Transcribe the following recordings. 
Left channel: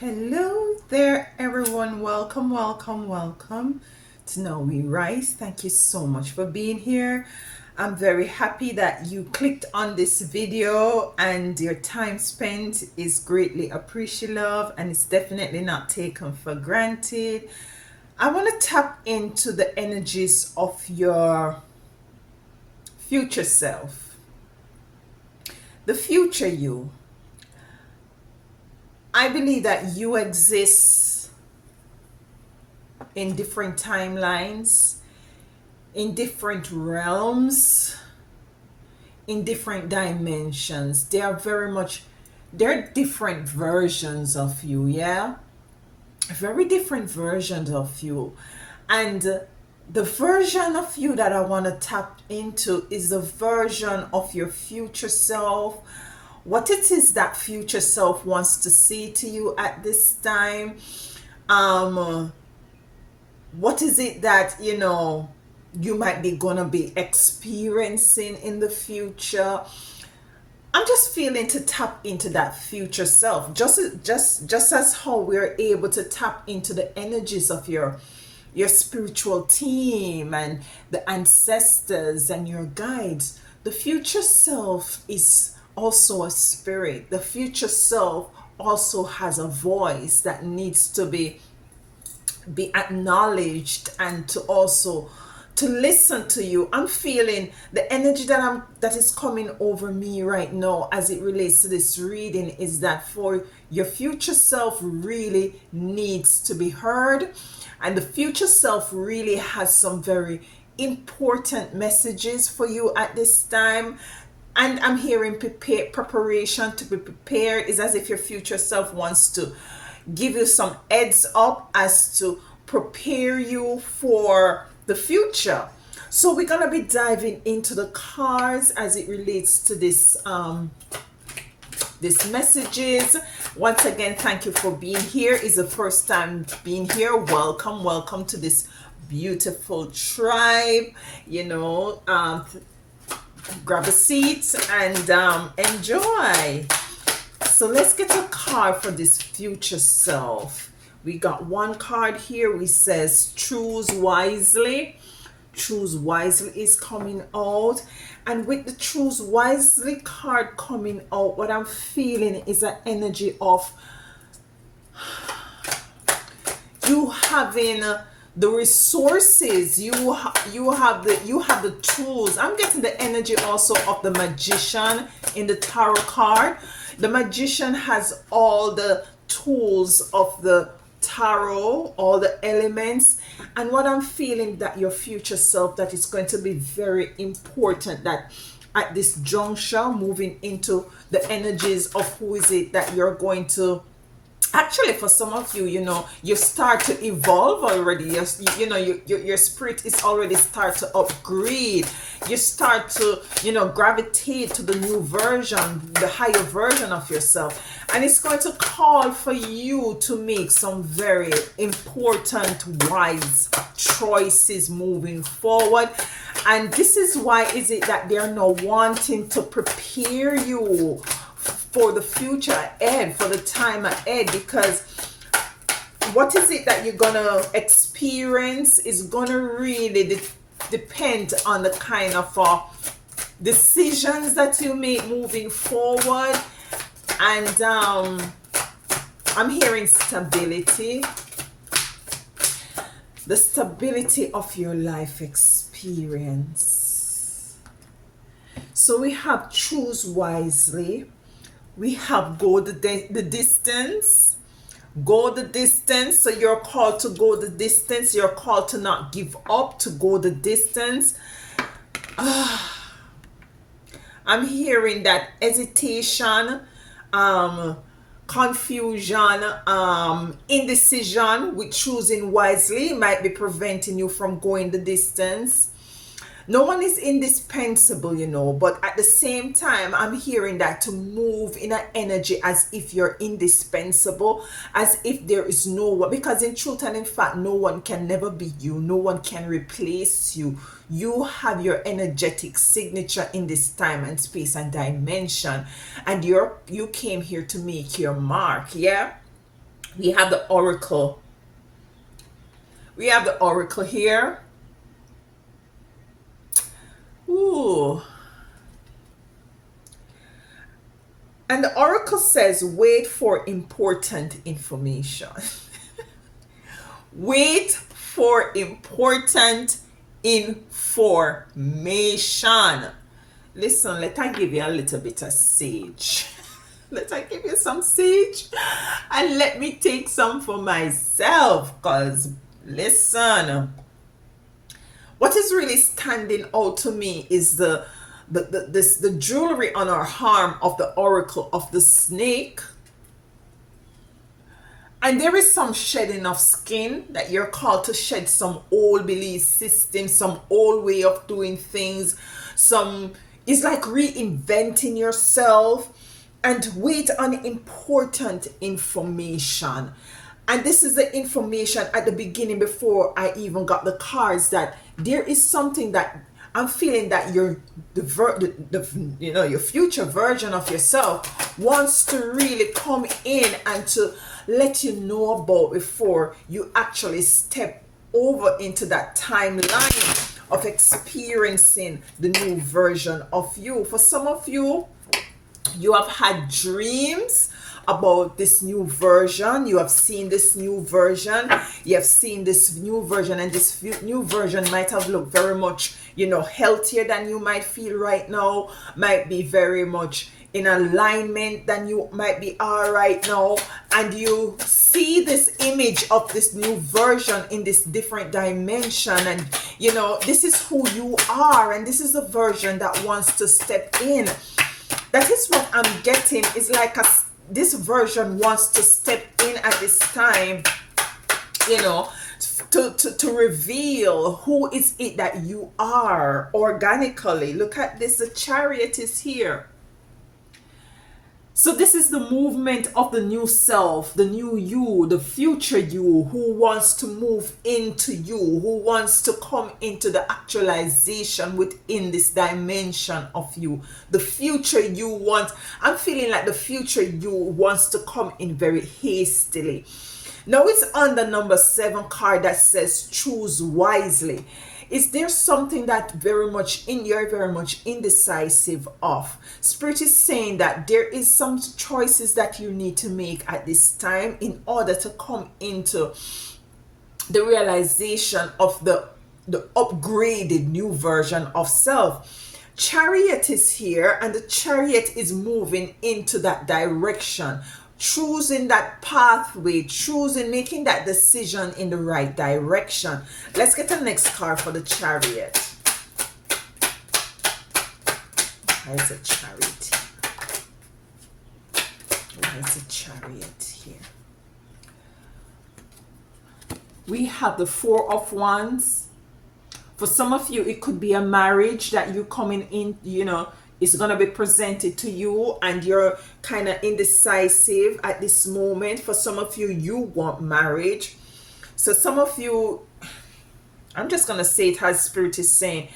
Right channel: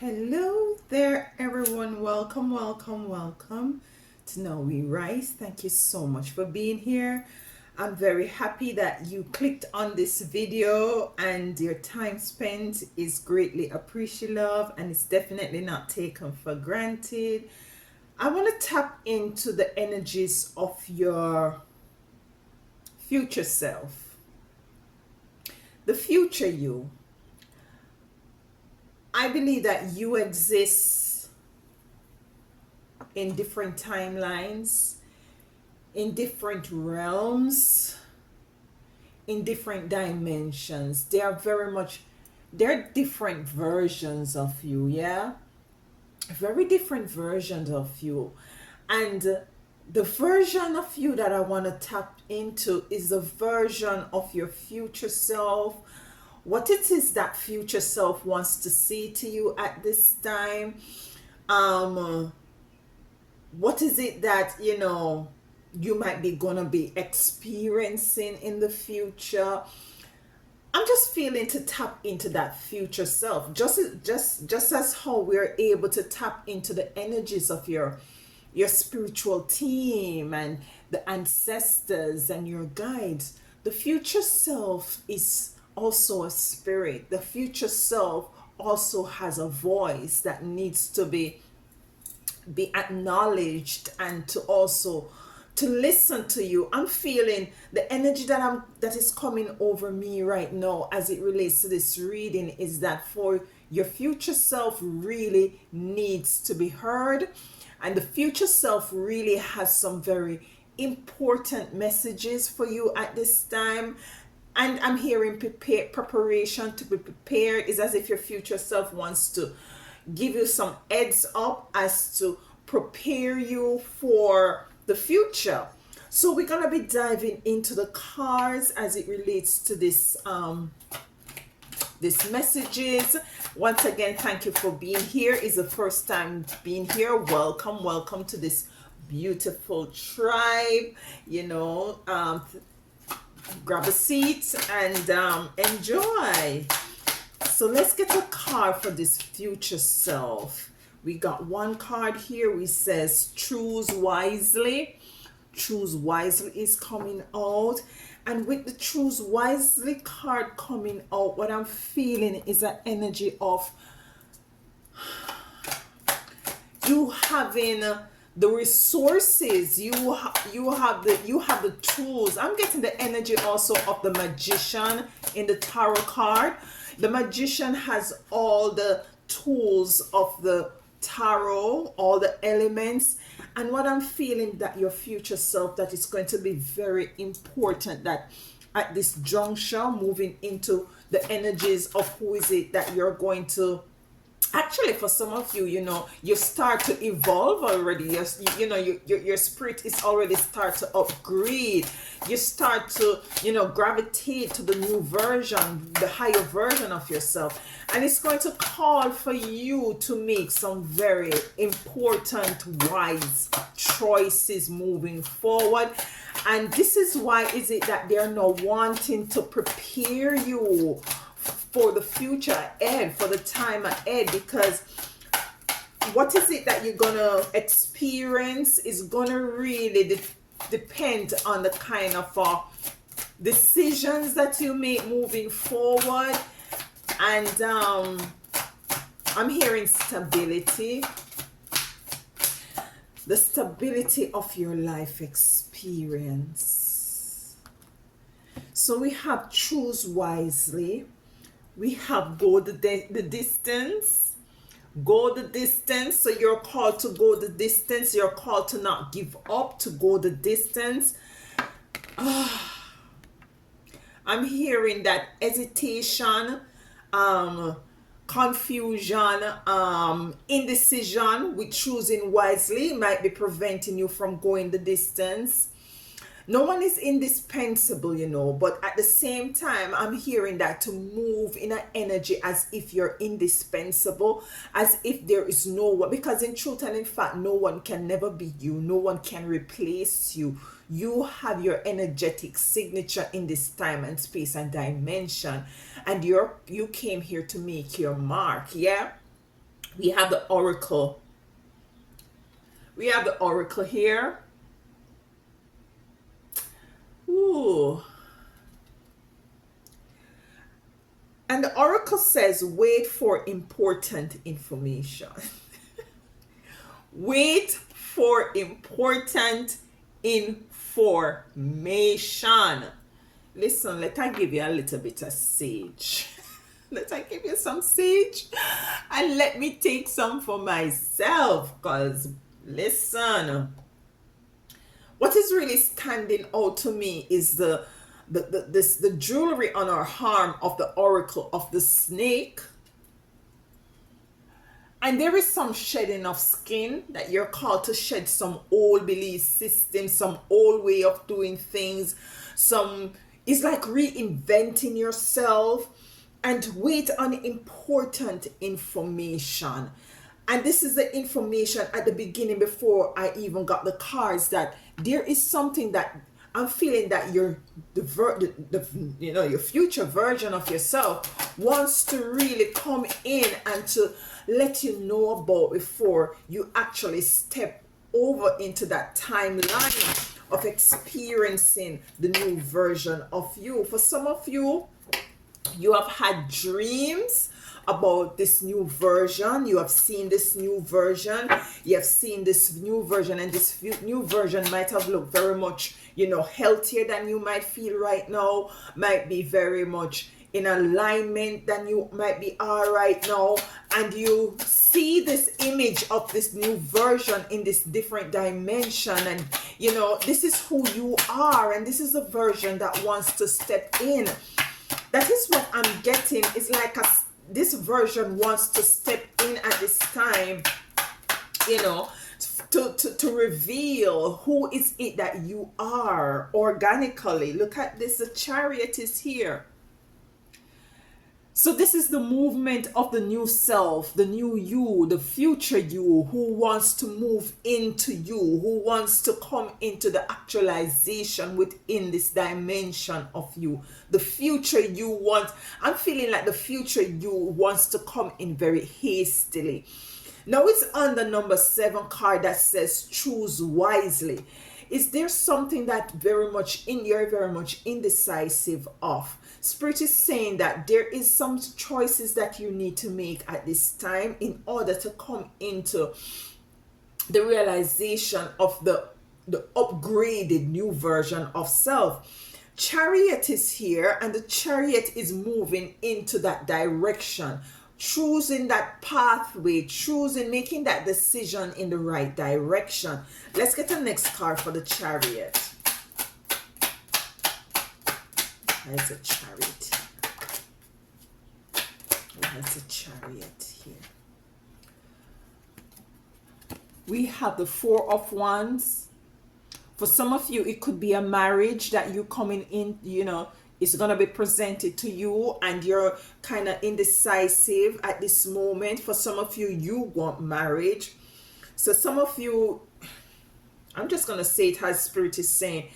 Hello there, everyone. Welcome to Now We Rise. Thank you so much for being here. I'm very happy that you clicked on this video and your time spent is greatly appreciated and it's definitely not taken for granted. I want to tap into the energies of your future self, the future you. I believe that you exist in different timelines, in different realms, in different dimensions. They're different versions of you, yeah? Very different versions of you. And the version of you that I want to tap into is the version of your future self. What it is that future self wants to say to you at this time. Um, what is it that you might be gonna be experiencing in the future. I'm just feeling to tap into that future self, just as how we're able to tap into the energies of your spiritual team and the ancestors and your guides. The future self is also a spirit. The future self also has a voice that needs to be acknowledged and to also to listen to you. I'm feeling the energy that is coming over me right now as it relates to this reading is that for your future self really needs to be heard, and the future self really has some very important messages for you at this time. And I'm hearing preparation to be prepared is as if your future self wants to give you some heads up as to prepare you for the future. So we're gonna be diving into the cards as it relates to this messages. Once again, thank you for being here. Is the first time being here, welcome to this beautiful tribe. Grab a seat and enjoy. So let's get a card for this future self. We got one card here which says choose wisely. Choose wisely is coming out. And with the choose wisely card coming out, what I'm feeling is an energy of you having the resources, you have the tools. I'm getting the energy also of the magician in the tarot card. The magician has all the tools of the tarot, all the elements. And what I'm feeling that your future self, that is going to be very important that at this juncture, moving into the energies of who is it that you're going to actually, for some of you, you start to evolve already. Your spirit is already start to upgrade. You start to gravitate to the new version, the higher version of yourself, and it's going to call for you to make some very important wise choices moving forward. And this is why is it that they're now wanting to prepare you for the future ahead, for the time ahead, because what is it that you're gonna experience is gonna really depend on the kind of decisions that you make moving forward. And I'm hearing stability, the stability of your life experience. So we have choose wisely. We have go the distance. Go the distance. So you're called to go the distance. You're called to not give up, to go the distance. I'm hearing that hesitation, confusion, indecision with choosing wisely might be preventing you from going the distance. No one is indispensable, but at the same time, I'm hearing that to move in an energy as if you're indispensable, as if there is no one, because in truth and in fact, no one can never be you, no one can replace you. You have your energetic signature in this time and space and dimension, and you came here to make your mark, yeah? We have the oracle. We have the oracle here. Ooh. And the oracle says, wait for important information. Wait for important information. Listen, let I give you a little bit of sage. Let I give you some sage. And let me take some for myself. Because, listen, what is really standing out to me is the jewelry on our arm of the oracle of the snake. And there is some shedding of skin, that you're called to shed some old belief system, some old way of doing things. It's like reinventing yourself, and wait on important information. And this is the information at the beginning, before I even got the cards, that there is something that I'm feeling that your future version of yourself wants to really come in and to let you know about before you actually step over into that timeline of experiencing the new version of you. For some of you, you have had dreams about this new version. You have seen this new version. You have seen this new version, and this new version might have looked very much, healthier than you might feel right now, might be very much in alignment than you might be are right now. And you see this image of this new version in this different dimension, and this is who you are, and this is the version that wants to step in. That is what I'm getting. Is like this version wants to step in at this time, to reveal who is it that you are organically. Look at this, the Chariot is here. So this is the movement of the new self, the new you, the future you, who wants to move into you, who wants to come into the actualization within this dimension of you. The future you wants, I'm feeling like the future you wants to come in very hastily. Now it's on the number 7 card that says choose wisely. Is there something that you're very much indecisive of? Spirit is saying that there is some choices that you need to make at this time in order to come into the realization of the upgraded new version of self. Chariot is here, and the Chariot is moving into that direction, choosing that pathway, making that decision in the right direction. Let's get the next card for the Chariot. There's a Chariot here. There's a Chariot here. We have the 4 of Wands. For some of you, it could be a marriage that you coming in, it's going to be presented to you, and you're kind of indecisive at this moment. For some of you, you want marriage. So some of you, I'm just going to say it as Spirit is saying,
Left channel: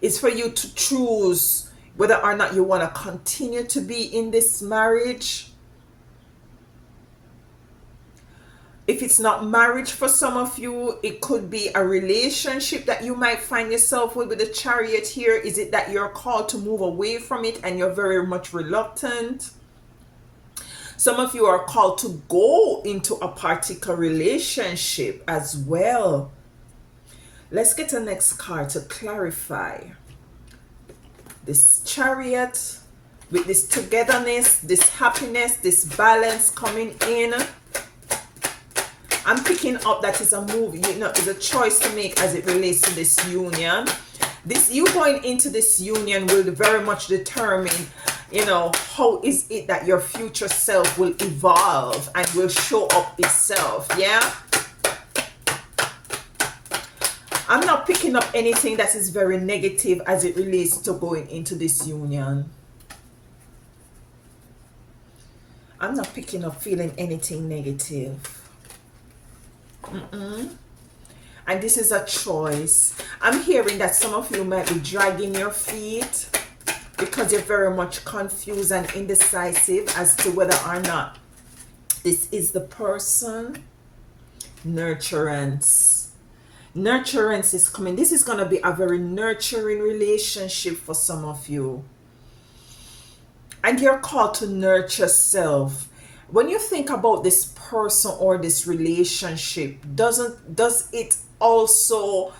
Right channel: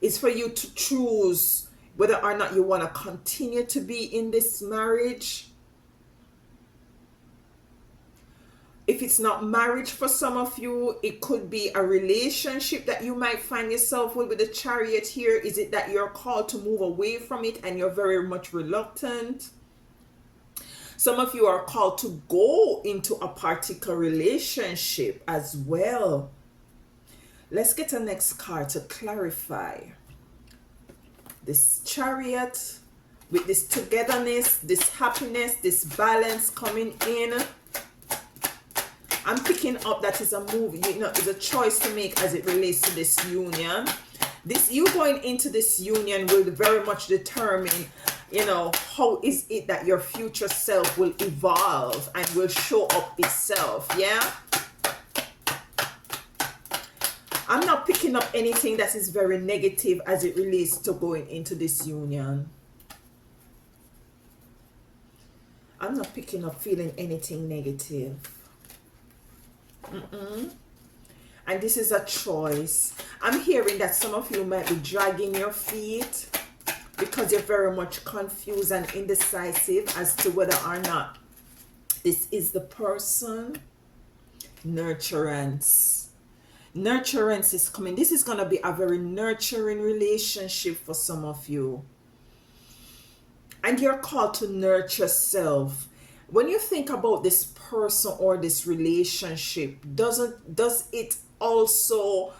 it's for you to choose whether or not you want to continue to be in this marriage. If it's not marriage for some of you, it could be a relationship that you might find yourself with the Chariot here. Is it that you're called to move away from it and you're very much reluctant? Some of you are called to go into a particular relationship as well. Let's get the next card to clarify. This Chariot with this togetherness, this happiness, this balance coming in. I'm picking up that is a move, is a choice to make as it relates to this union. You going into this union will very much determine, how is it that your future self will evolve and will show up itself, yeah? I'm not picking up anything that is very negative as it relates to going into this union. I'm not picking up feeling anything negative. And this is a choice. I'm hearing that some of you might be dragging your feet because you're very much confused and indecisive as to whether or not This is the person. Nurturance. Nurturance is coming. This is going to be a very nurturing relationship for some of you. And you're called to nurture self. When you think about this person or this relationship, does it also,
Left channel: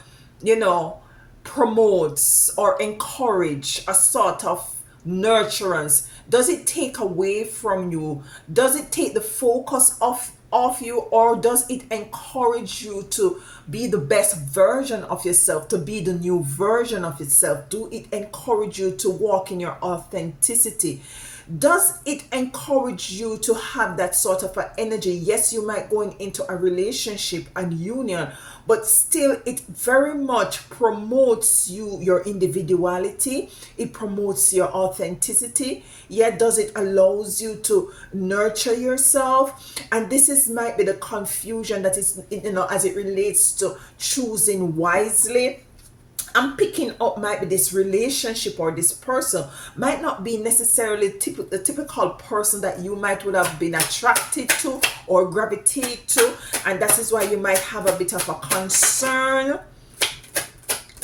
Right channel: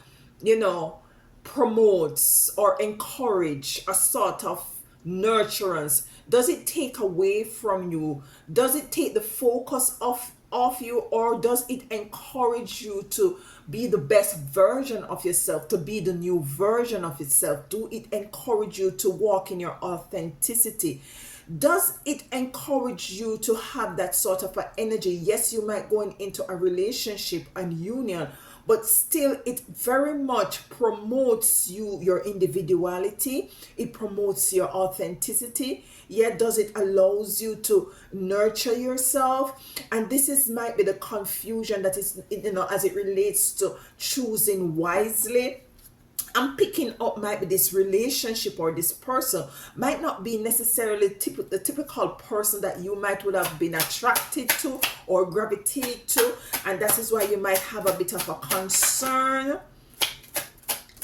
you know, promotes or encourage a sort of nurturance? Does it take away from you? Does it take the focus off you, or does it encourage you to be the best version of yourself, to be the new version of yourself? Do it encourage you to walk in your authenticity? Does it encourage you to have that sort of an energy? Yes, you might go into a relationship and union, but still it very much promotes your individuality. It promotes your authenticity. Yet does it allows you to nurture yourself? And this is might be the confusion that is, you know, as it relates to choosing wisely. I'm picking up might be this relationship or this person might not be necessarily the typical person that you might would have been attracted to or gravitate to, and that is why you might have a bit of a concern.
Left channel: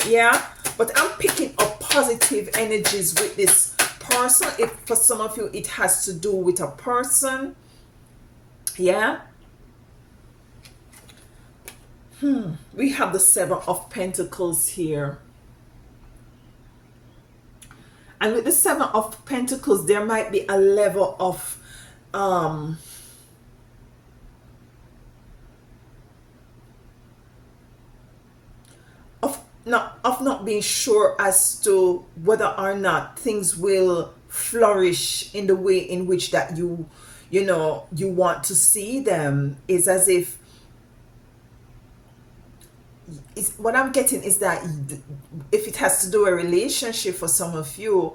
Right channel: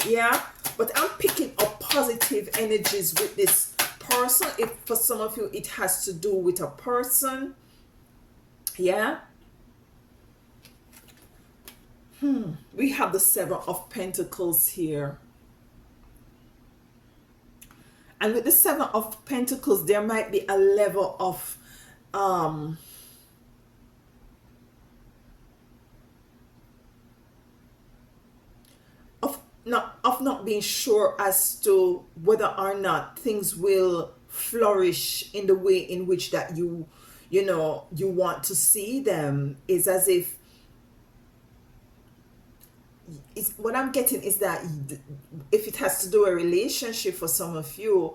Yeah, but I'm picking up positive energies with this person. If for some of you it has to do with a person, yeah. We have the Seven of Pentacles here. And with the Seven of Pentacles, there might be a level of not being sure as to whether or not things will flourish in the way in which that you want to see them. Is as if what I'm getting is that if it has to do a relationship for some of you,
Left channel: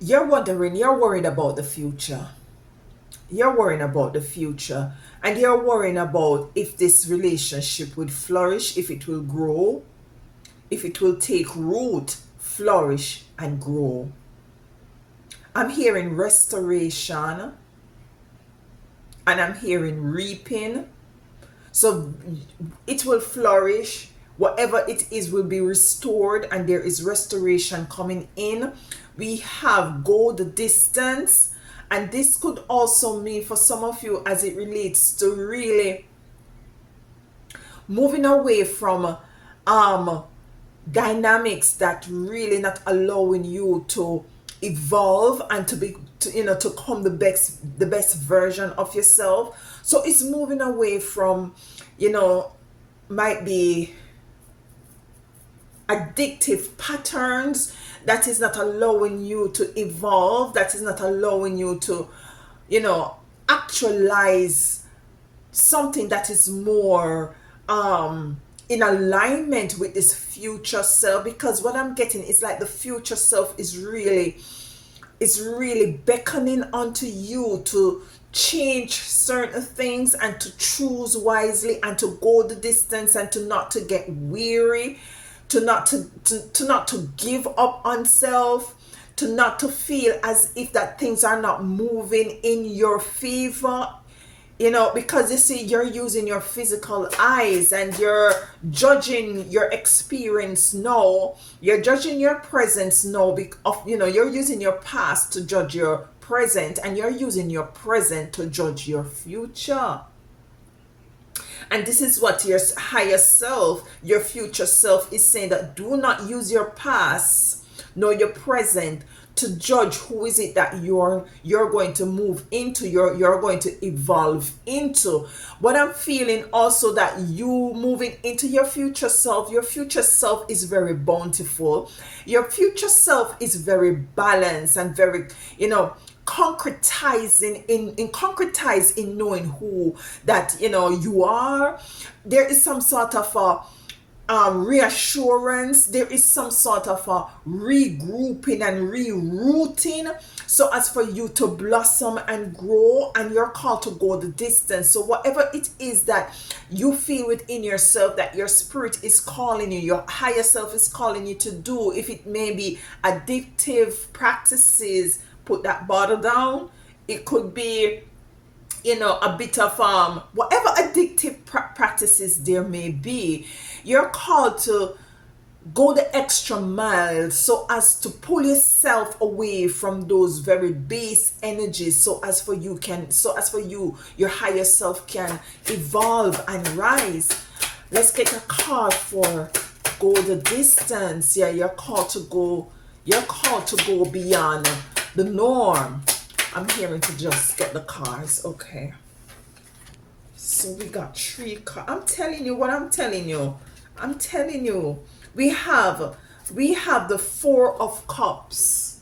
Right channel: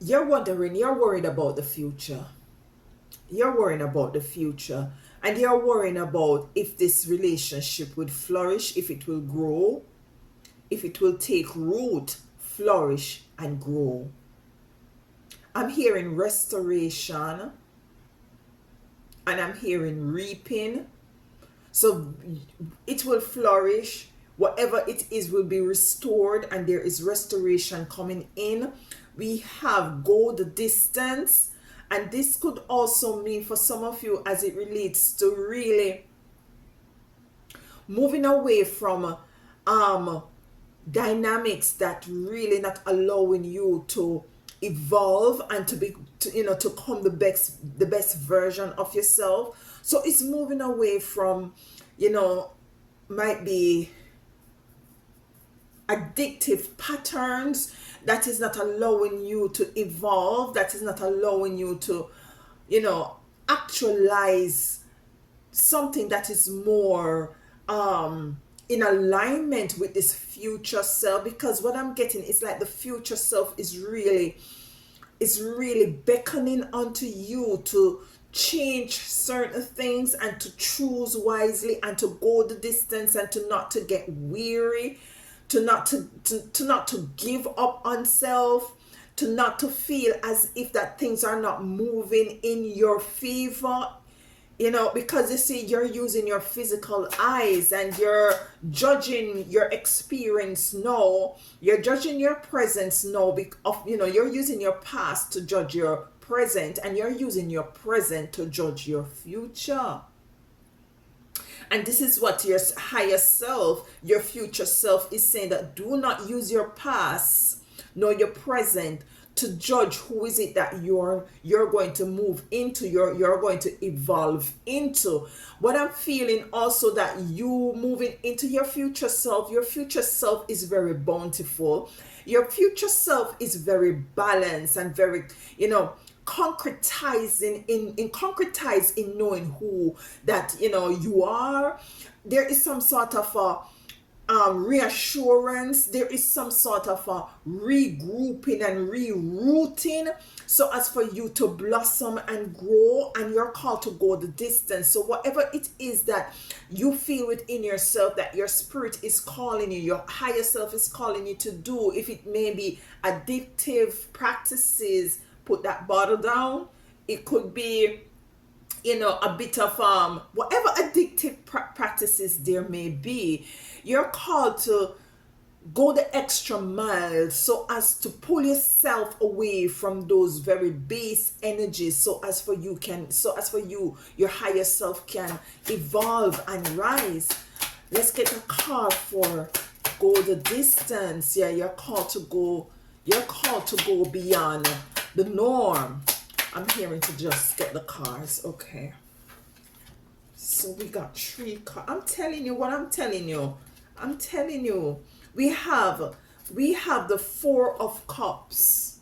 you're worried about the future. You're worrying about the future, and you're worrying about if this relationship would flourish, if it will grow, if it will take root, flourish, and grow. I'm hearing restoration, and I'm hearing reaping. So it will flourish. Whatever it is will be restored, and there is restoration coming in. We have go the distance, and this could also mean for some of you as it relates to really moving away from dynamics that really not allowing you to evolve and to come the best version of yourself. So it's moving away from, might be addictive patterns that is not allowing you to evolve, that is not allowing you to, actualize something that is more in alignment with this future self. Because what I'm getting is like the future self is really beckoning onto you to change certain things and to choose wisely and to go the distance and to not to get weary, to not to give up on self, to not to feel as if that things are not moving in your favor. Because you see, you're using your physical eyes and you're judging your experience now. You're judging your presence now you're using your past to judge your present, and you're using your present to judge your future. And this is what your higher self, your future self, is saying, that do not use your past nor your present to judge who is it that you're going to move into, you're going to evolve into. What I'm feeling also, that you moving into your future self is very bountiful. Your future self is very balanced and very, concretized in knowing who that you are. There is some sort of a reassurance. There is some sort of a regrouping and rerouting, so as for you to blossom and grow, and you're called to go the distance. So whatever it is that you feel within yourself that your spirit is calling you, your higher self is calling you to do, if it may be addictive practices, put that bottle down. it could be, you know, a bit of whatever addictive practices there may be. You're called to go the extra mile so as to pull yourself away from those very base energies, so as for you, your higher self can evolve and rise. Let's get a card for go the distance. Yeah, you're called to go beyond the norm. I'm hearing to just get the cards. Okay, so we got 3 cards. I'm telling you what I'm telling you. I'm telling you. We have the 4 of Cups.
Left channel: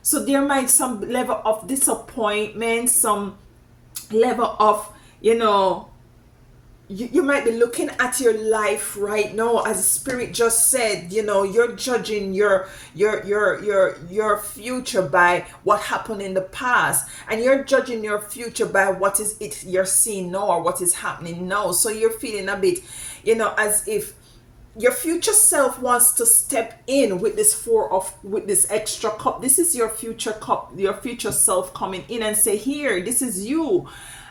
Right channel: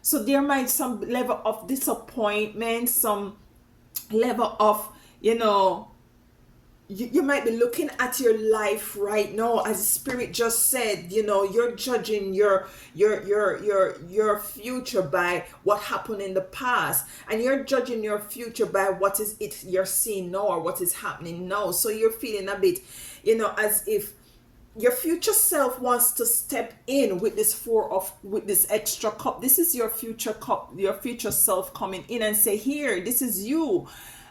So there might some level of disappointment, some level of, you know, you might be looking at your life right now, as Spirit just said, you know, you're judging your future by what happened in the past, and you're judging your future by what is it you're seeing now, or what is happening now. So you're feeling a bit, you know, as if your future self wants to step in with with this extra cup. This is your future cup, your future self coming in and say, here, this is you.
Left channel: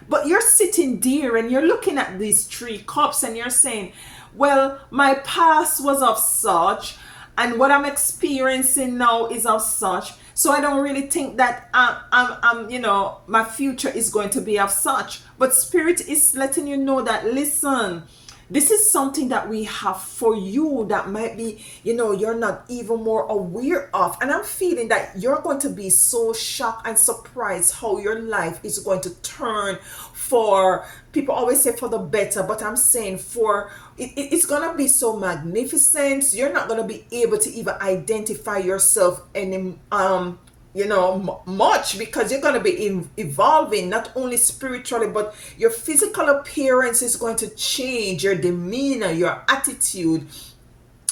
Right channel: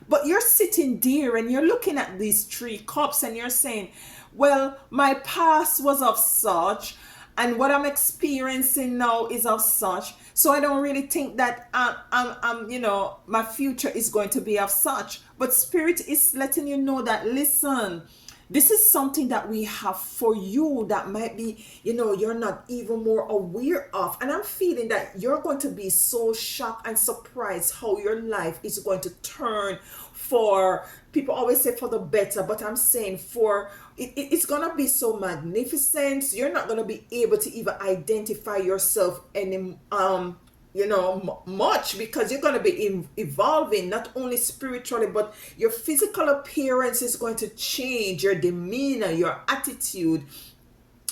But you're sitting there and you're looking at these 3 cups and you're saying, well, my past was of such, and what I'm experiencing now is of such. So I don't really think that I'm you know, my future is going to be of such. But Spirit is letting you know that, listen, this is something that we have for you that might be, you know, you're not even more aware of. And I'm feeling that you're going to be so shocked and surprised how your life is going to turn for, people always say for the better, but I'm saying for, it's going to be so magnificent. You're not going to be able to even identify yourself any, you know, much, because you're going to be evolving, not only spiritually, but your physical appearance is going to change, your demeanor, your attitude,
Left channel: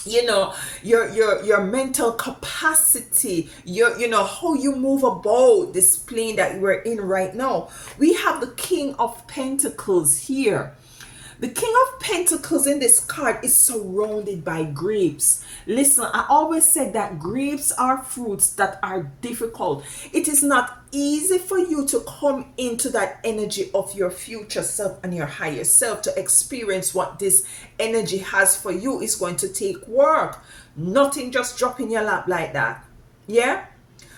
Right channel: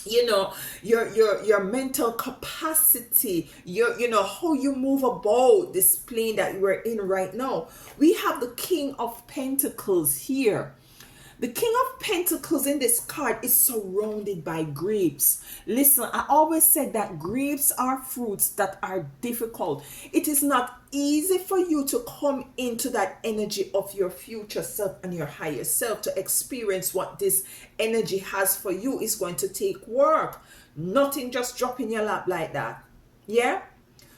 you know, your mental capacity, you know, how you move about this plane that we're in right now. We have the King of Pentacles here. The King of Pentacles in this card is surrounded by grapes. Listen, I always said that grapes are fruits that are difficult. It is not easy for you to come into that energy of your future self and your higher self to experience what this energy has for you. Is going to take work. Nothing just drop in your lap like that. Yeah?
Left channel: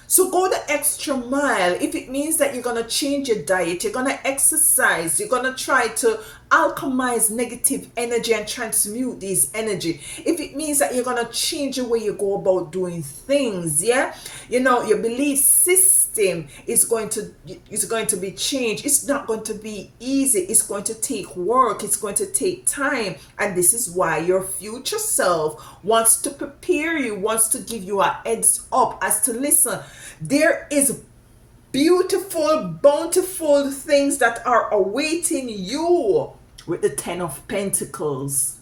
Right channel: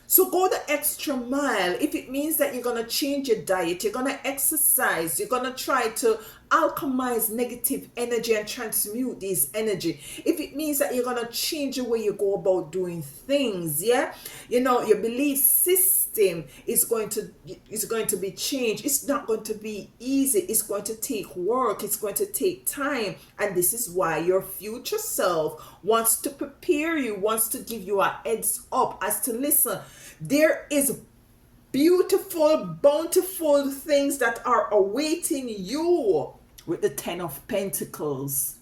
So go the extra mile. If it means that you're going to change your diet, you're going to exercise, you're going to try to alchemize negative energy and transmute these energy. If it means that you're going to change the way you go about doing things, yeah? You know, your belief system is going to be changed. It's not going to be easy. It's going to take work. It's going to take time. And this is why your future self wants to prepare you, wants to give you a heads up as to, listen, there is beautiful, bountiful things that are awaiting you with the 10 of Pentacles.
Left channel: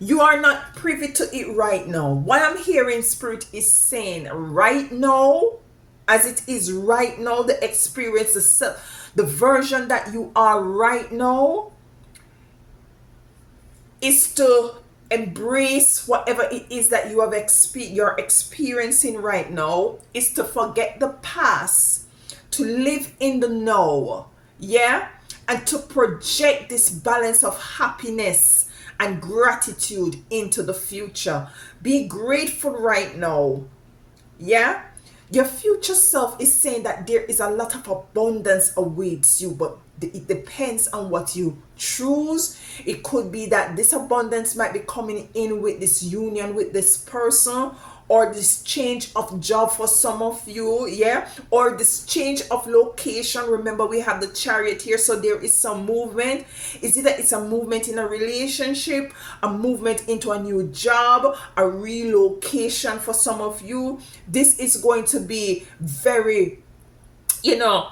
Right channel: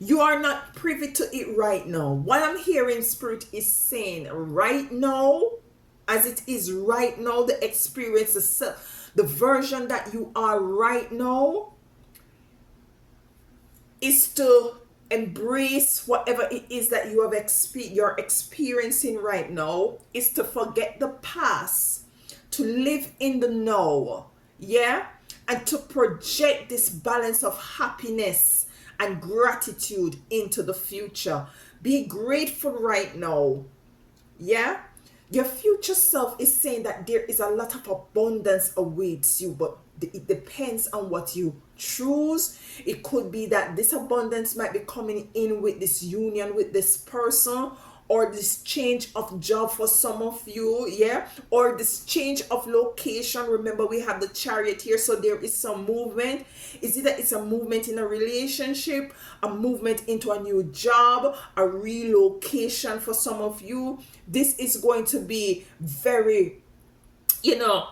You are not privy to it right now. What I'm hearing Spirit is saying right now, as it is right now, the experience, the version that you are right now, is to embrace whatever it is that you have you're experiencing right now, is to forget the past, to live in the now, yeah, and to project this balance of happiness and gratitude into the future. Be grateful right now, yeah. Your future self is saying that there is a lot of abundance awaits you, but it depends on what you choose. It could be that this abundance might be coming in with this union with this person, or this change of job for some of you, yeah, or this change of location. Remember, we have the Chariot here, so there is some movement. Is it that it's a movement in a relationship, a movement into a new job, a relocation for some of you? This is going to be very, you know,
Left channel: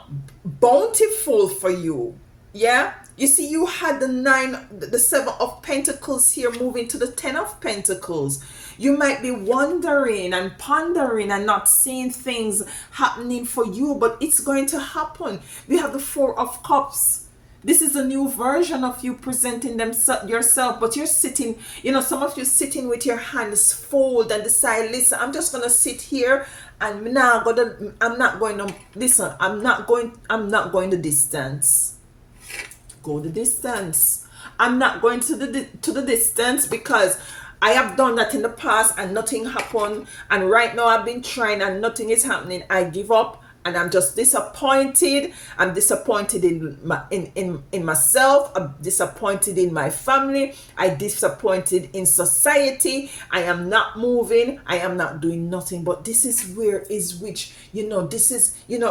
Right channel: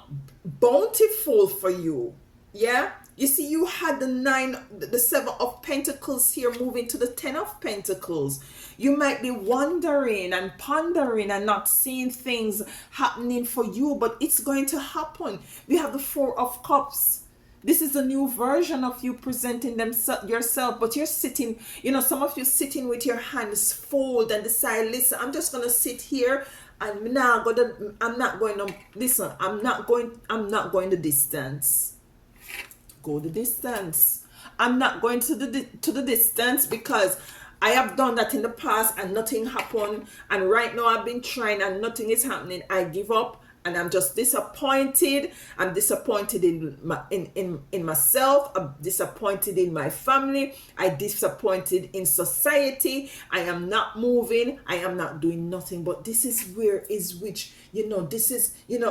bountiful for you, yeah. You see, you had the 7 of Pentacles here moving to the 10 of Pentacles. You might be wondering and pondering and not seeing things happening for you, but it's going to happen. We have the 4 of Cups. This is a new version of you presenting them yourself, but you're sitting, some of you sitting with your hands folded and decide, listen, I'm just gonna sit here and I'm not going to listen, I'm not going the distance. Go the distance. I'm not going to the distance because I have done that in the past and nothing happened, and right now I've been trying and nothing is happening. I give up and I'm just disappointed. I'm disappointed in myself. I'm disappointed in my family. I'm disappointed in society. I am not moving. I am not doing nothing. But this is where is which, this is, you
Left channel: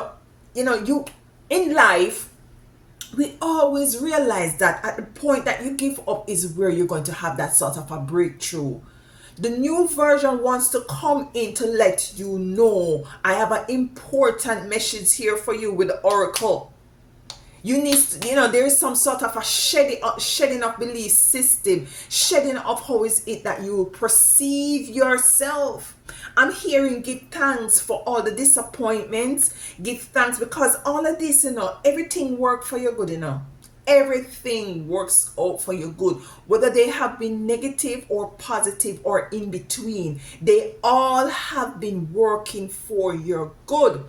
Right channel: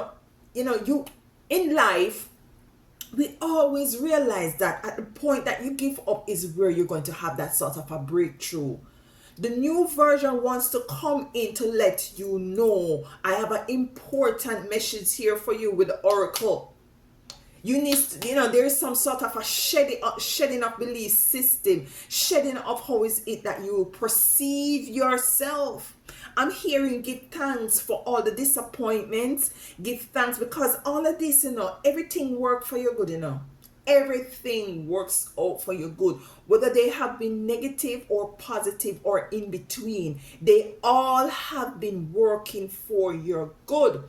in life, we always realize that at the point that you give up is where you're going to have that sort of a breakthrough. The new version wants to come in to let you know, I have an important message here for you with the oracle. You need to, there is some sort of a shedding of belief system, shedding of how is it that you perceive yourself. I'm hearing give thanks for all the disappointments. Give thanks because all of this, everything worked for your good, Everything works out for your good. Whether they have been negative or positive or in between, they all have been working for your good.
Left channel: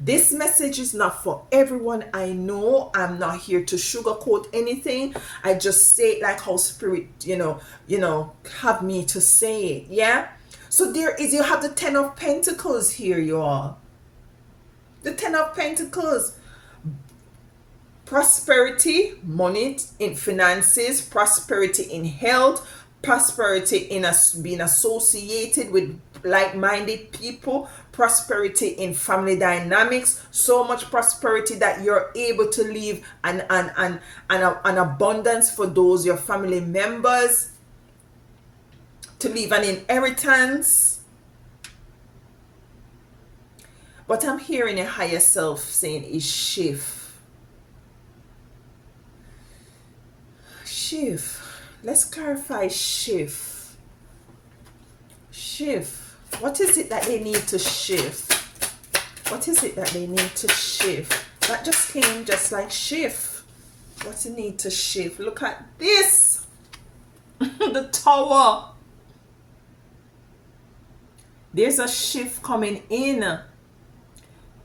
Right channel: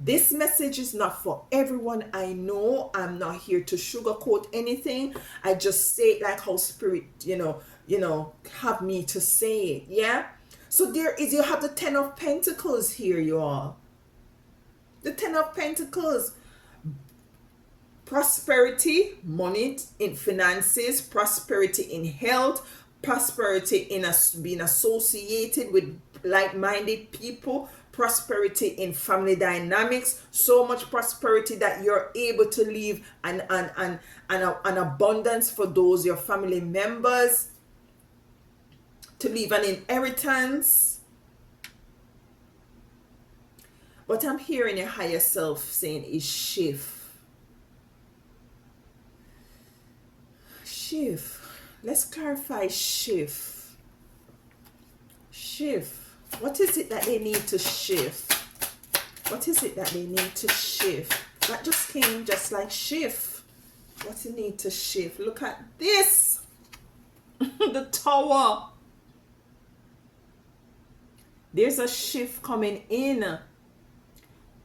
This message is not for everyone. I know I'm not here to sugarcoat anything. I just say it like how spirit, have me to say it. Yeah. So you have the 10 of Pentacles here, you all. The 10 of Pentacles. Prosperity, money in finances, prosperity in health, prosperity in being associated with like-minded people, prosperity in family dynamics, so much prosperity that you're able to leave an abundance for those your family members, to leave an inheritance. What I'm hearing your higher self saying is shift. Shift. Let's clarify shift. Shift. What is it that they need to shift? What is it that they need to shift? That just came just like shift. What do you need to shift? Look at this. The Tower. There's a shift coming in.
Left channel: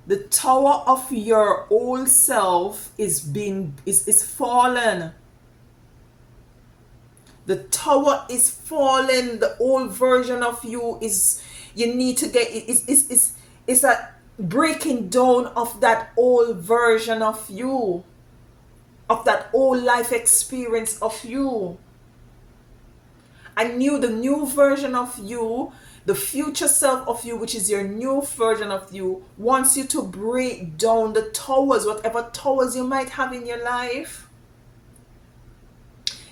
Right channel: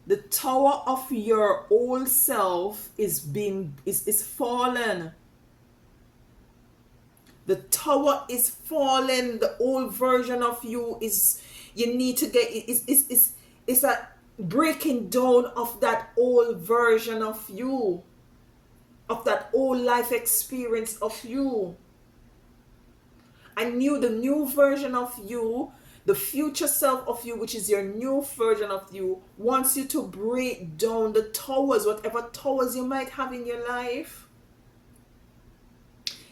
The Tower of your old self is fallen. The tower is fallen. The old version of you you need to get, it's a breaking down of that old version of you, of that old life experience of you. The new version of you, the future self of you, which is your new version of you, wants you to break down the towers, whatever towers you might have in your life.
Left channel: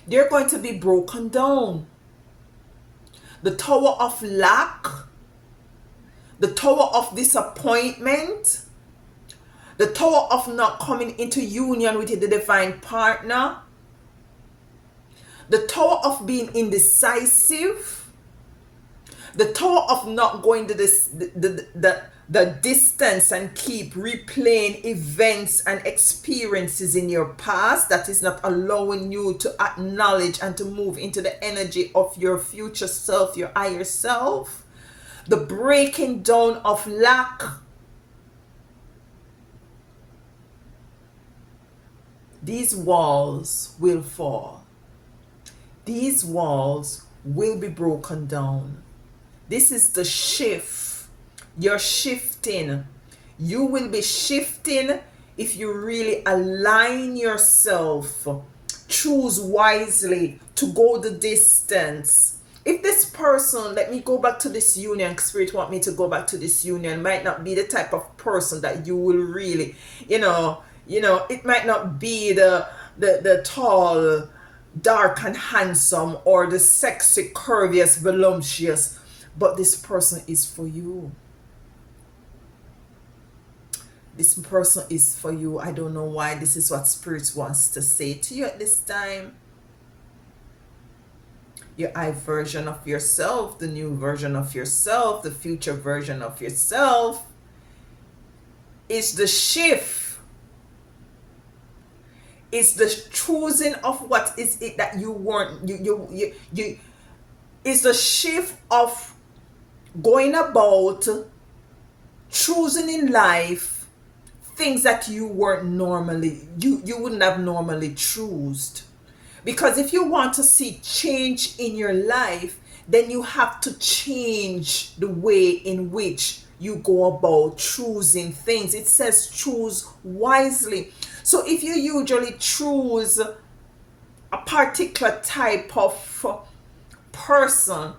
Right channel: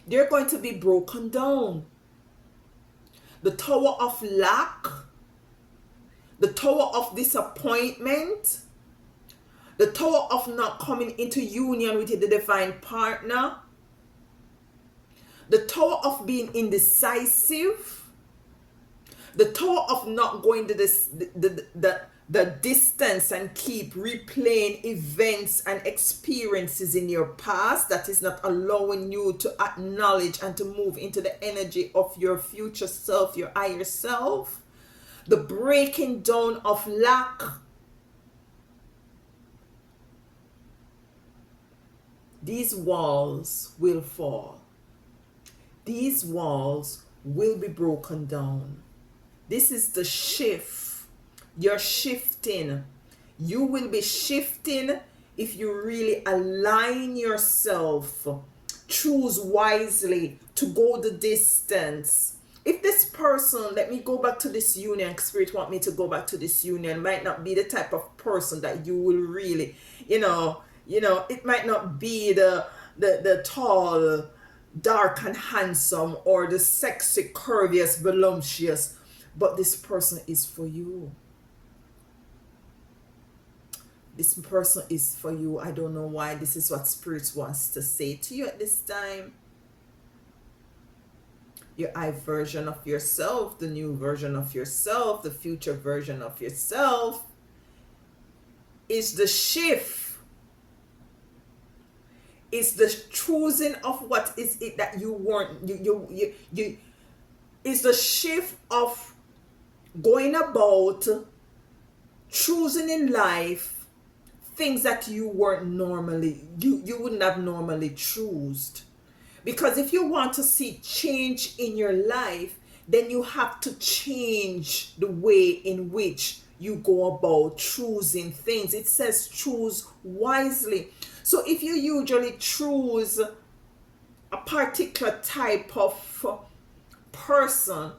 They're going to be broken down. The tower of lack, the tower of disappointment, the tower of not coming into union with the divine partner, the tower of being indecisive, the tower of not going to the distance and keep replaying events and experiences in your past that is not allowing you to acknowledge and to move into the energy of your future self, your higher self. The breaking down of lack. These walls will fall. These walls will be broken down. This is the shift. You're shifting. You will be shifting if you really align yourself. Choose wisely to go the distance. If this person, let me go back to this union, Spirit want me to go back to this union, might not be the type of person that you will really, it might not be the tall, dark and handsome, or the sexy, curvious, voluptuous, but this person is for you. This person is for you. I don't know why this is what Spirit wants to say to you at this time. Your I version of yourself, the new version of yourself, the future version of yourself is the shift. It's the choosing of what is it that you want. You it's the shift of going about choosing in life things that you weren't normally, you wouldn't have normally chosen. Because if you want to see change in your life, then you have to change the way in which you go about choosing things. It says choose wisely. So if you usually choose a particular type of person,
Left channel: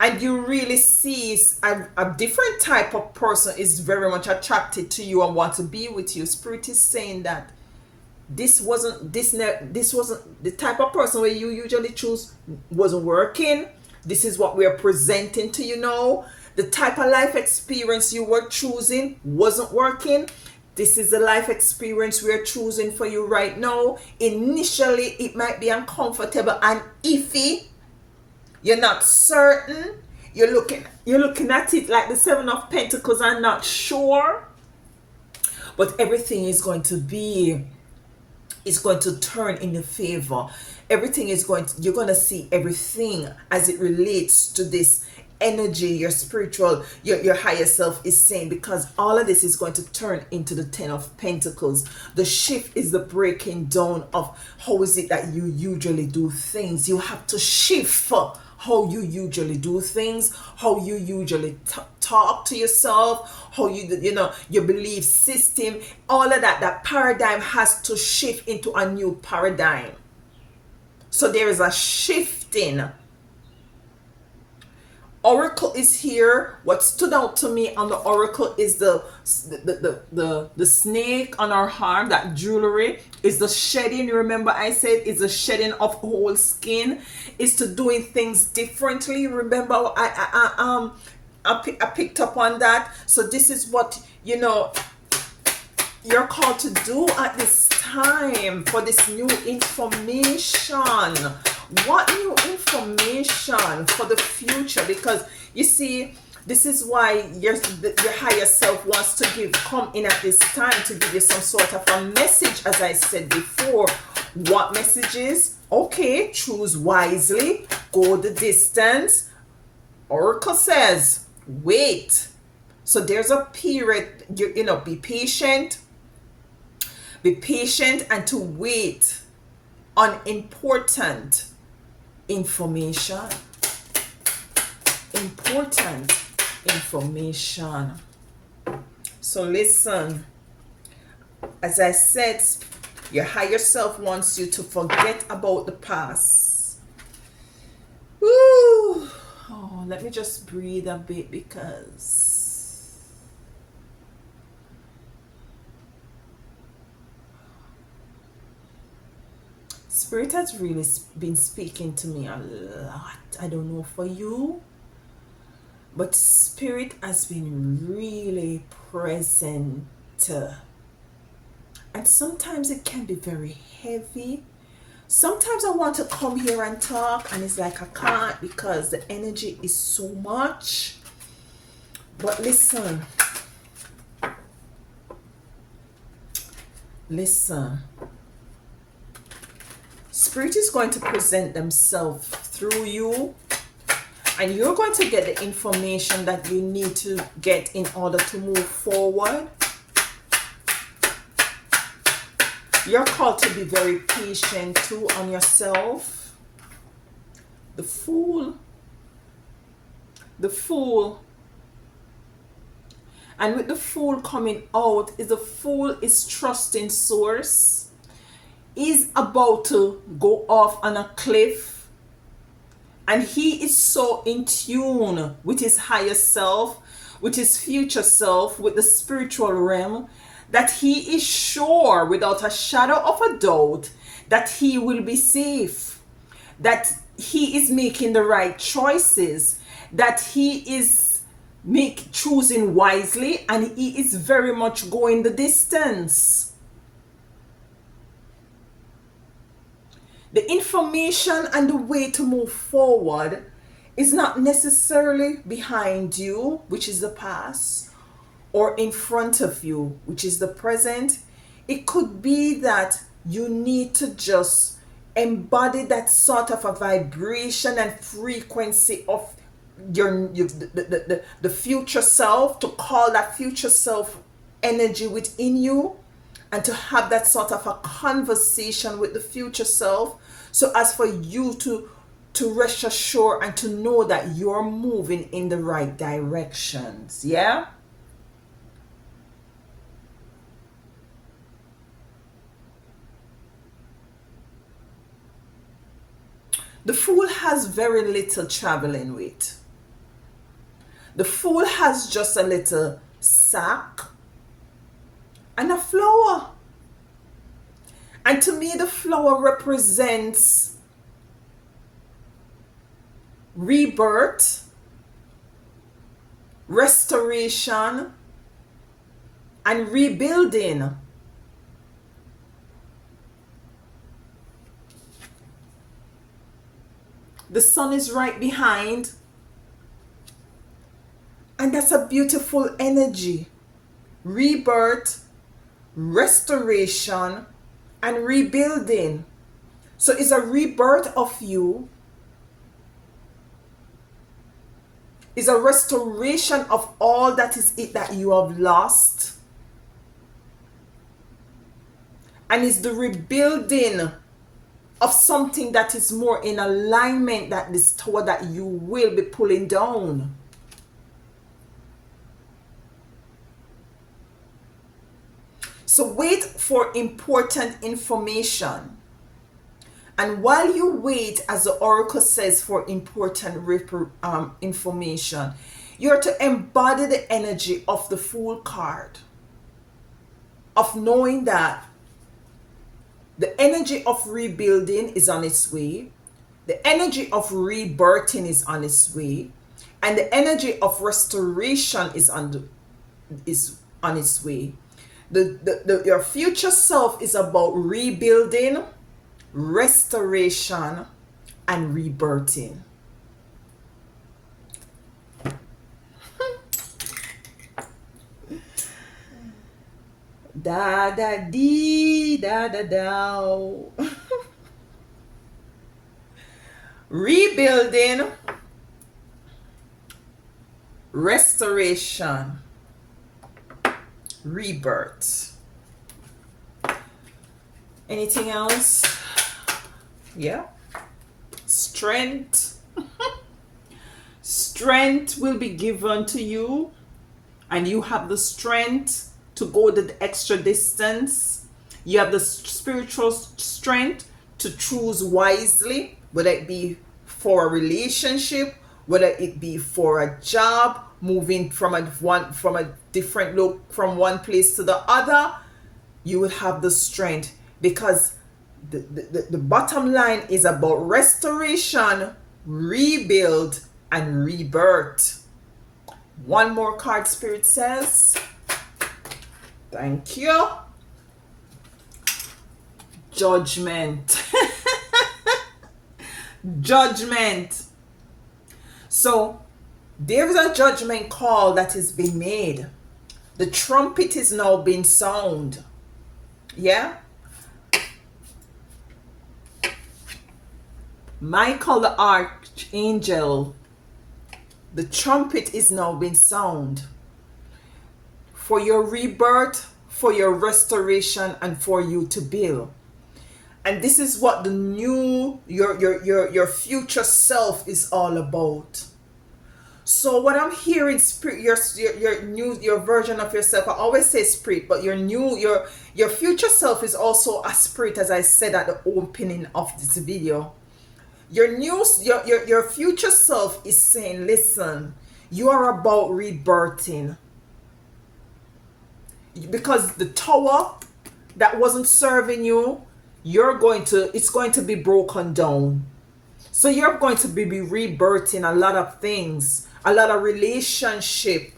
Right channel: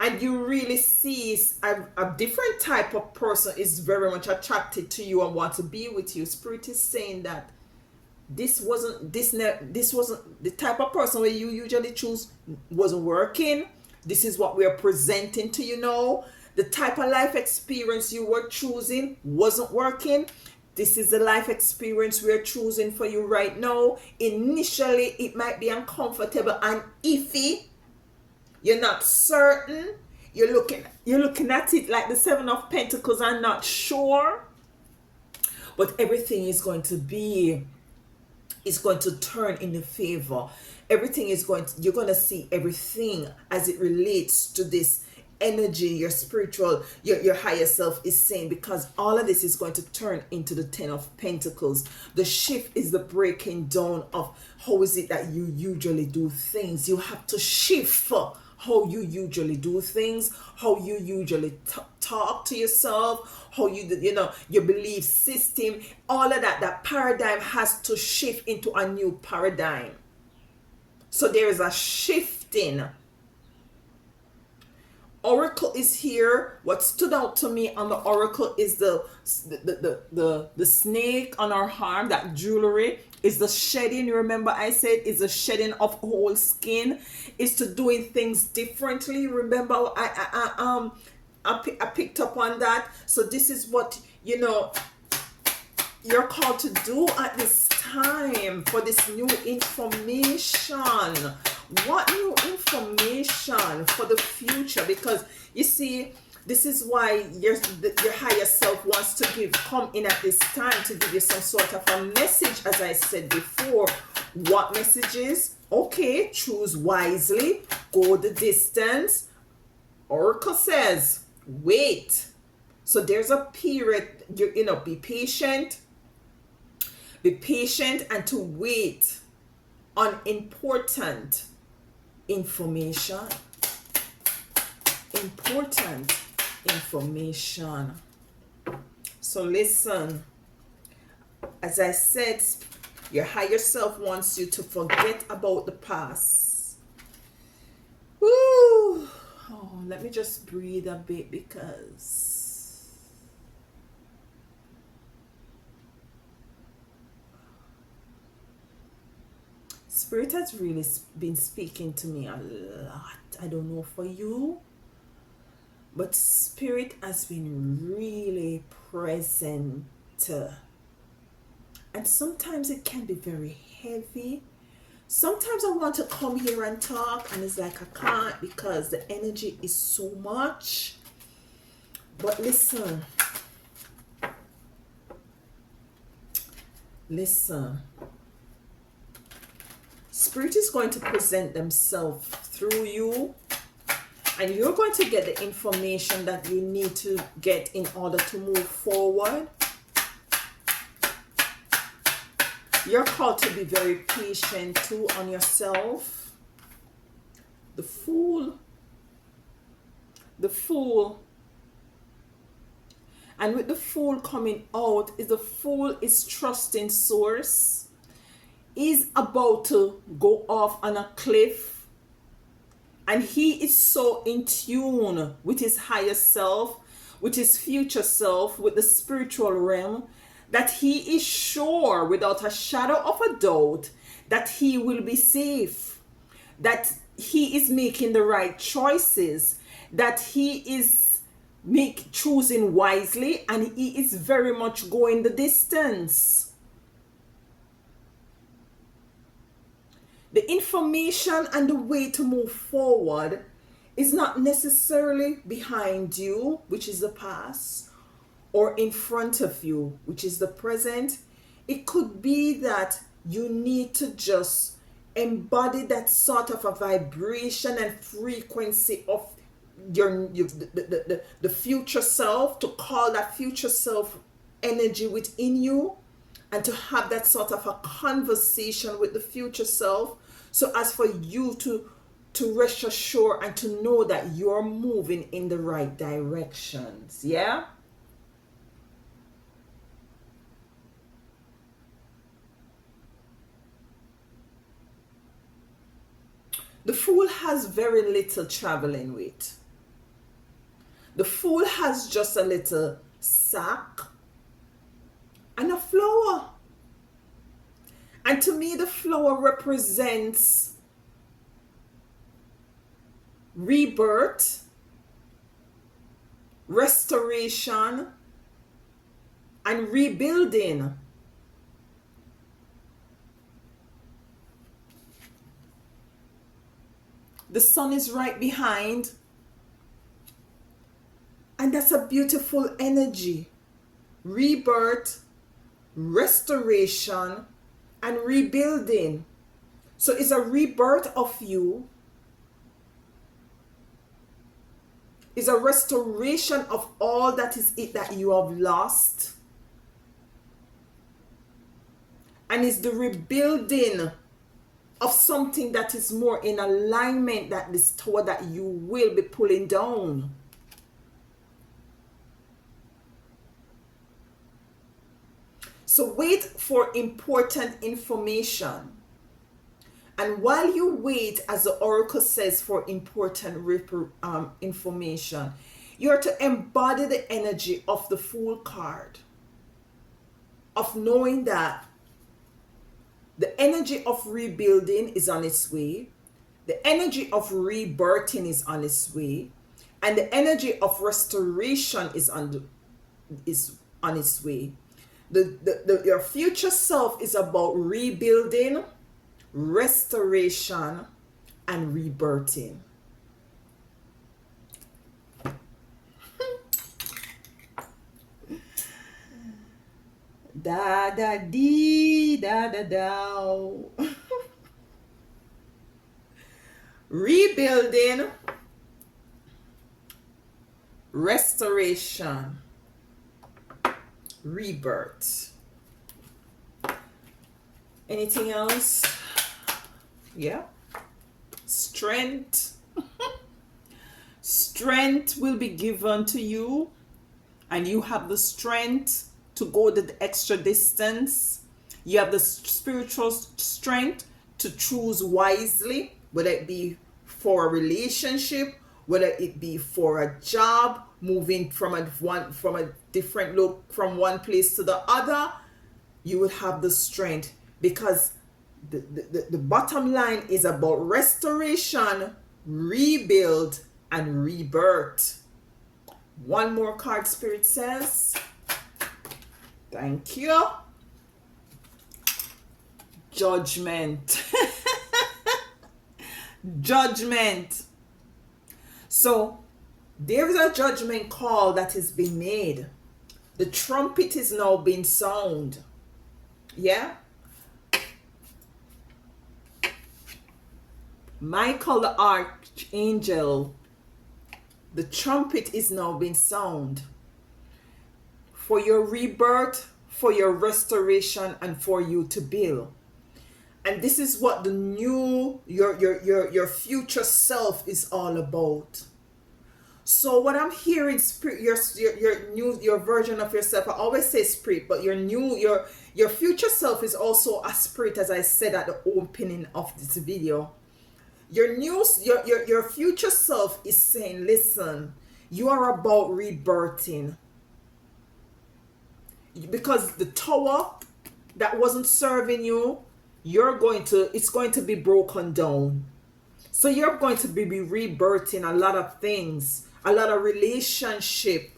and you really see a different type of person is very much attracted to you and want to be with you, Spirit is saying that this wasn't the type of person where you usually choose, wasn't working. This is what we are presenting to you now. The type of life experience you were choosing wasn't working. This is the life experience we are choosing for you right now. Initially it might be uncomfortable and iffy. You're not certain. You're looking at it like the Seven of Pentacles and not sure. But everything is going to turn in your favor. Everything is you're going to see everything as it relates to this energy, your spiritual, your higher self is saying, because all of this is going to turn into the Ten of Pentacles. The shift is the breaking down of how is it that you usually do things. You have to shift how you usually do things, how you usually talk to yourself, how your belief system, all of that paradigm has to shift into a new paradigm. So there is a shifting. Oracle is here. What stood out to me on the oracle is the snake on our arm, that jewelry is the shedding. Remember I said it's the shedding of whole skin, is to doing things differently. Remember I picked up on that. So this is what you're called to do at this time for this new information. What new information for the future? Because you see, this is why your higher self wants to come in at this time to give you some sort of a message, as I said before. What messages? Okay, choose wisely, go the distance. Oracle says wait. So there's a period, be patient and to wait on important information. So listen, as I said, your higher self wants you to forget about the past. Woo. Oh, let me just breathe a bit, because Spirit has really been speaking to me a lot. I don't know for you, but Spirit has been really present. And sometimes it can be very heavy. Sometimes I want to come here and talk, and it's like I can't because the energy is so much. But listen. Spirit is going to present themselves through you, and you're going to get the information that you need to get in order to move forward. You're called to be very patient too on yourself. The Fool. And with the Fool coming out, the Fool is trusting Source. He's about to go off on a cliff, and he is so in tune with his higher self, with his future self, with the spiritual realm, that he is sure without a shadow of a doubt that he will be safe, that he is making the right choices, that he is choosing wisely, and he is very much going the distance. The information and the way to move forward is not necessarily behind you, which is the past, or in front of you, which is the present. It could be that you need to just embody that sort of a vibration and frequency of the future self, to call that future self energy within you, and to have that sort of a conversation with the future self, so as for you to rest assured and to know that you're moving in the right directions. Yeah. The Fool has very little traveling with. The Fool has just a little sack and a flower. And to me, the flower represents rebirth, restoration, and rebuilding. The sun is right behind, and that's a beautiful energy. Rebirth, restoration, and rebuilding. So it's a rebirth of you, is a restoration of all that is it that you have lost, and is the rebuilding of something that is more in alignment, that this tower that you will be pulling down. So wait for important information. And while you wait, as the oracle says, for important information, you're to embody the energy of the Fool card, of knowing that the energy of rebuilding is on its way, the energy of rebirthing is on its way, and the energy of restoration is on its way. Your future self is about rebuilding, restoration, and rebirthing. Da da dee da da da. Rebuilding, restoration, rebirth. Anything else? Yeah. Strength. Strength will be given to you, and you have the strength to go the extra distance. You have the spiritual strength to choose wisely, whether it be for a relationship, whether it be for a job, moving from a different look from one place to the other. You will have the strength, because the bottom line is about restoration, rebuild, and rebirth. One more card, Spirit says. Thank you. Judgment. Judgment. So there is a judgment call that has been made. The trumpet is now being sound. Yeah. Michael the archangel, the trumpet is now being sound for your rebirth, for your restoration, and for you to build. And this is what the new, your future self is all about. So what I'm hearing, spirit, your version of yourself, I always say spirit, but your future self is also a spirit, as I said at the opening of this video. Your future self is saying, listen, you are about rebirthing, because the tower that wasn't serving you, it's going to be broken down. So you're going to be rebirthing a lot of things, a lot of relationship,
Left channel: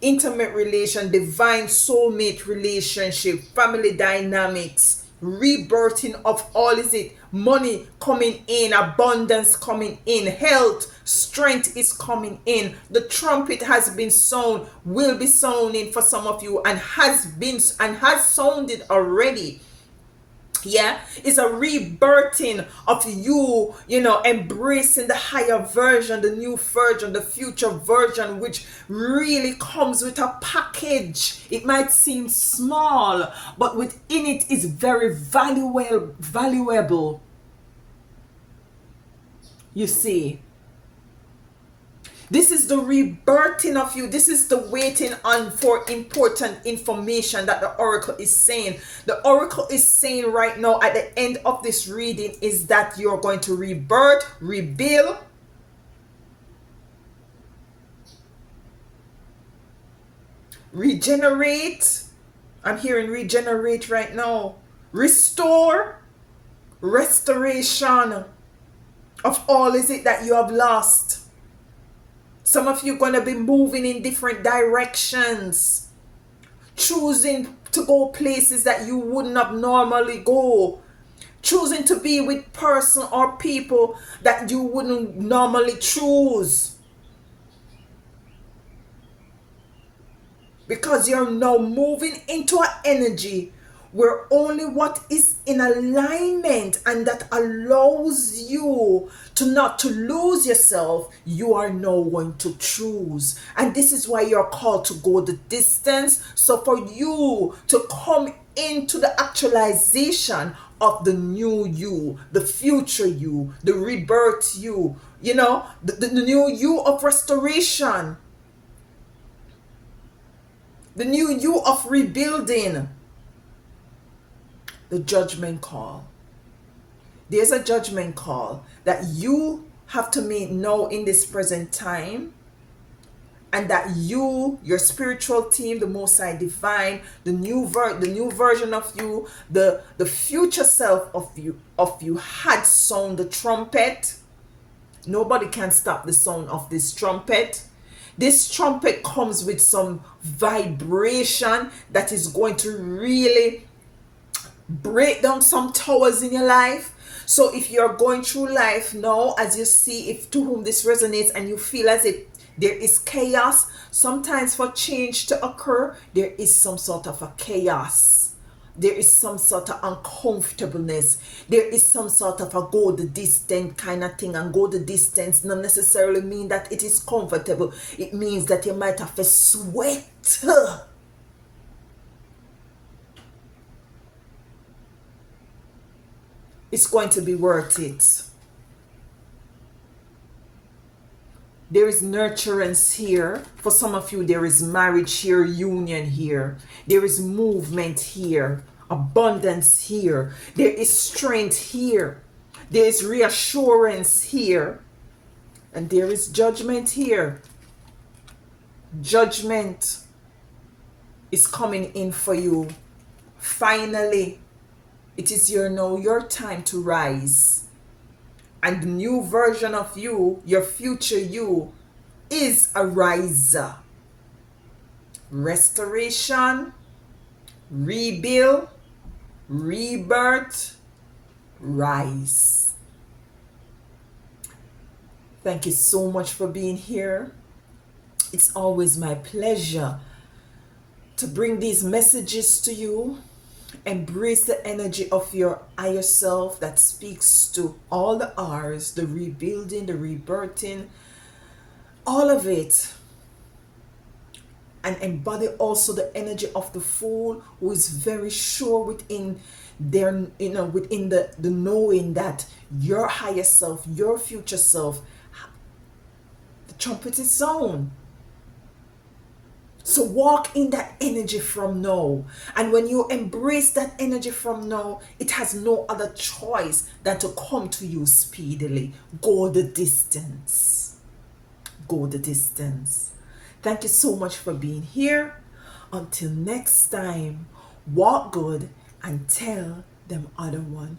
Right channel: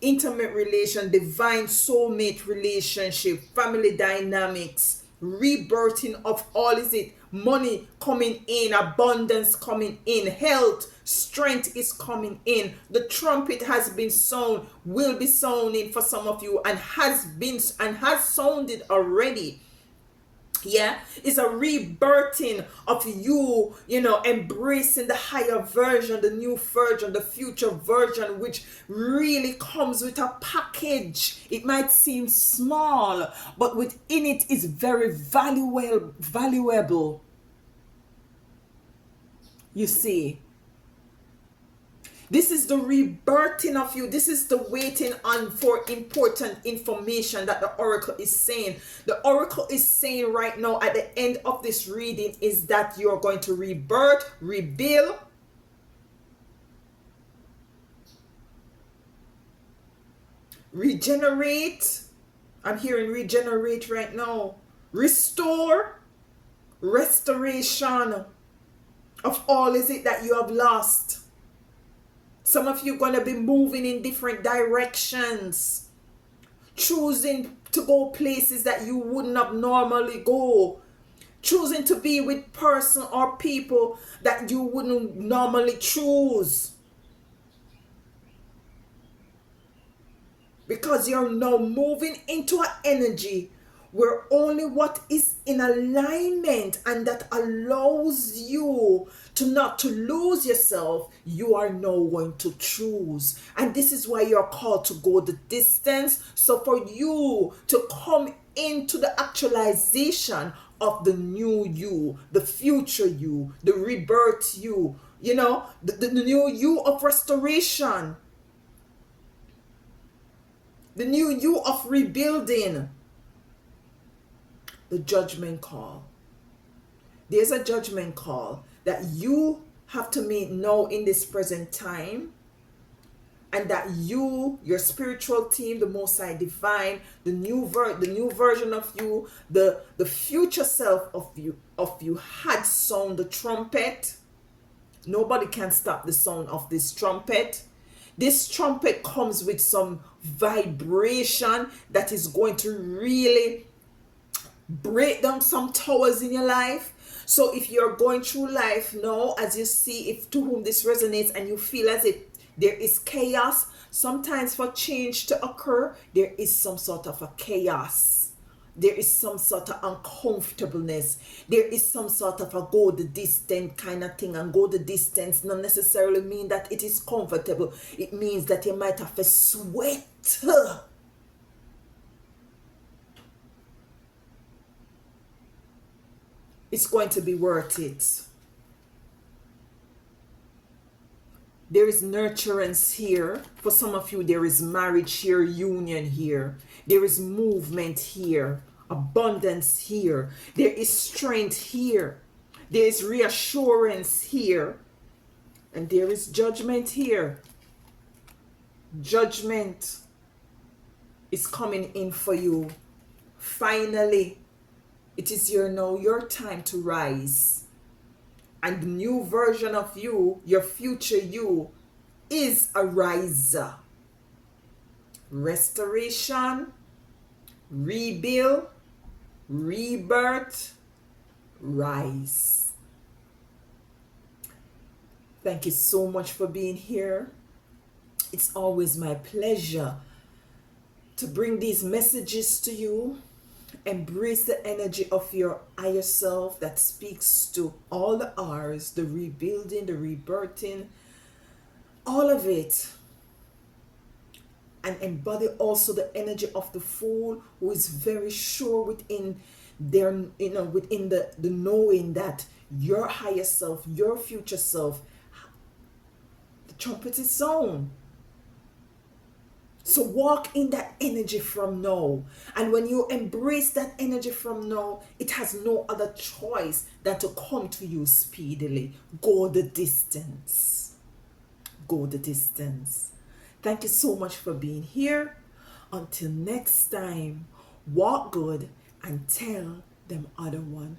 intimate relation, divine soulmate relationship, family dynamics, rebirthing of all, is it money coming in, abundance coming in, health, strength is coming in. The trumpet has been sound, will be sounding for some of you, and has sounded already. Yeah, it's a rebirthing of you, embracing the higher version, the new version, the future version, which really comes with a package. It might seem small, but within it is very valuable. You see, this is the rebirthing of you. This is the waiting on for important information that the oracle is saying. The oracle is saying right now at the end of this reading is that you're going to rebirth, rebuild, regenerate. I'm hearing regenerate right now. Restore, restoration of all is it that you have lost. Some of you are going to be moving in different directions, choosing to go places that you wouldn't have normally go, choosing to be with person or people that you wouldn't normally choose, because you're now moving into an energy where only what is in alignment and that allows you to not to lose yourself, you are now going to choose. And this is why you're called to go the distance. So for you to come into the actualization of the new you, the future you, the rebirth you, the new you of restoration, the new you of rebuilding, the judgment call. There's a judgment call that you have to meet now in this present time, and that your spiritual team, the Most High Divine, the new version of you, the future self of you had sound the trumpet. Nobody can stop the sound of this trumpet. This trumpet comes with some vibration that is going to really break down some towers in your life. So if you're going through life now, as you see, if to whom this resonates and you feel as if there is chaos, sometimes for change to occur, there is some sort of a chaos. There is some sort of uncomfortableness. There is some sort of a go the distance kind of thing. And go the distance not necessarily mean that it is comfortable. It means that you might have to sweat. It's going to be worth it. There is nurturance here. For some of you, there is marriage here, union here. There is movement here, abundance here. There is strength here. There is reassurance here. And there is judgment here. Judgment is coming in for you. Finally, it is your time to rise. And the new version of you, your future you, is a riser. Restoration, rebuild, rebirth, rise. Thank you so much for being here. It's always my pleasure to bring these messages to you. Embrace the energy of your higher self that speaks to all the R's, the rebuilding, the rebirthing, all of it. And embody also the energy of the fool, who is very sure within their, within the knowing that your higher self, your future self, the trumpet is sound. So walk in that energy from now. And when you embrace that energy from now, it has no other choice than to come to you speedily. Go the distance. Go the distance. Thank you so much for being here. Until next time, walk good and tell them other one